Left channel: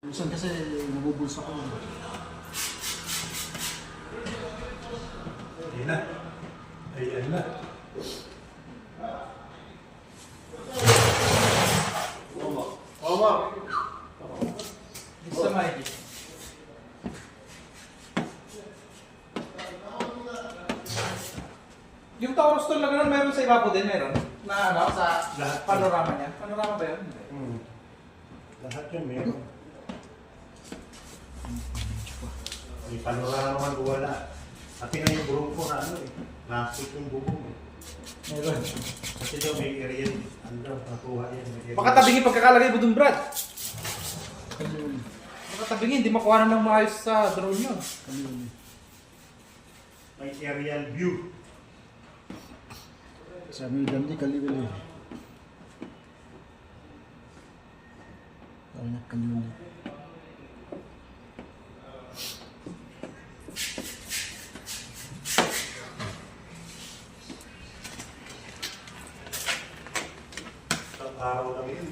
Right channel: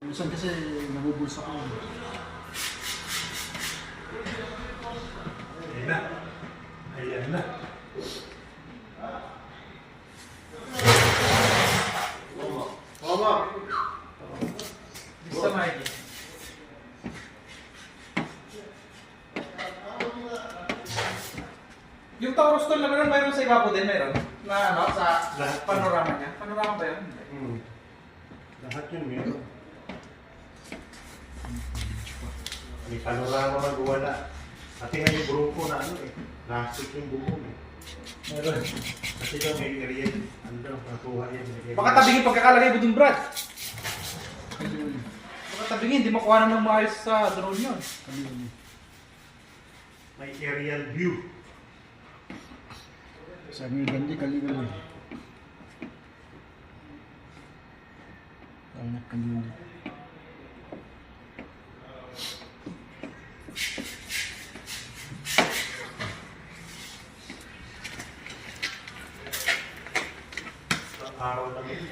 Minsan kasi nabubulsa ko. Ayan na. Ayan na. Mama! Gusto mo ito? Yung Taurus tool na gano'n, mayroon sa ibabaw din, mayroon? Na ano, sa Lahat. panorama niya? Panorama ba yun? Lahat yun meron. May panorama man wala. Kasi nga yung bronco na ano eh. Plastic yung bubong eh. Meron. Kasi daw may area ano nakuha yan. Baka tabingin pagkakalagay mo dun, Brad. Ayun. Baka tabingin, hindi makuha naman maayos sa drone yun. Kami May aerial view. Sabi ni Gandhi, kali-kali. Anak kami. Araw lang yun.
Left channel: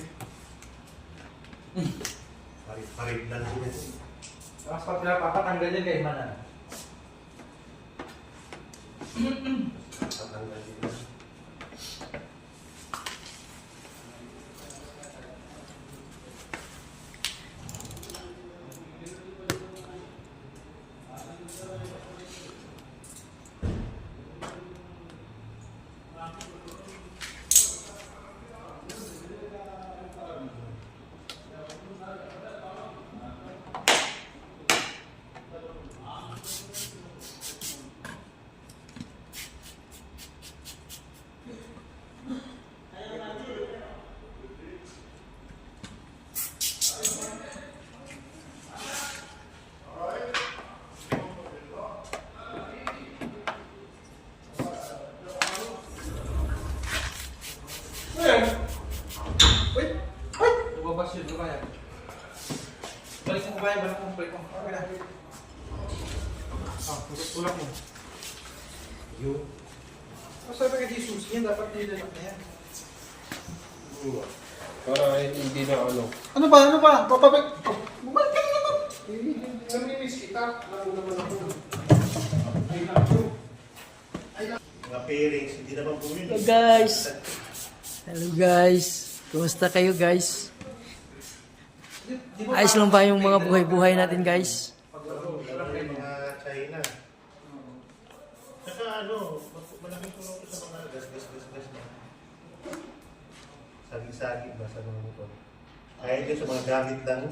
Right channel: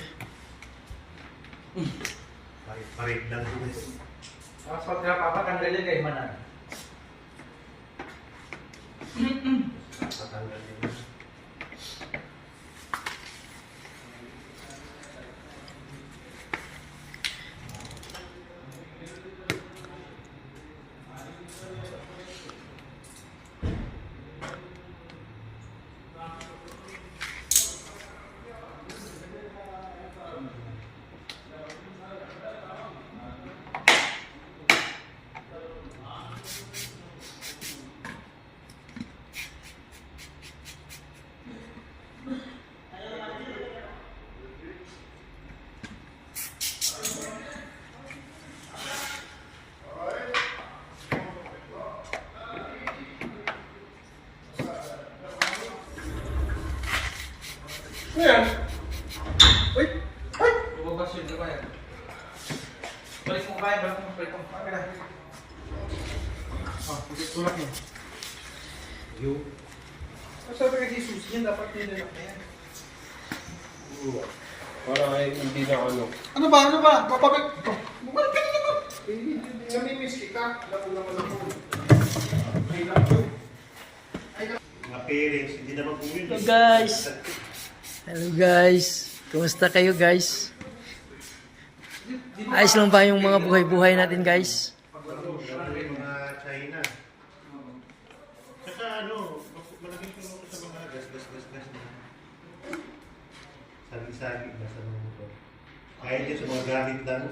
Parit lang yun. Mas pag napapatanggalin kayo manan. Tatanggal yun. Ayan. Wait! Ay! Ibabas yun, di ba yan? Balik mo kaya, balik mo prito. Okay na. Tulak mo. Yung Sabi ka Jesus, yan dapat nililak na yan. Para hindi na ano. Ano ba? Papabag... Bumalik ka na naman! Namimiss kita. Labo naman ako. I love you. mga parents, hindi naman po yun. Hello guys! Hello guys! Kumusta kayo guys? Ayos lang ba yung mga buhay-buhay natin guys? Mga China. Saka ano, malaking tulong sa mga gas na. Saging-saging ba sa mga motor. Kahit din sa mga gamit lang.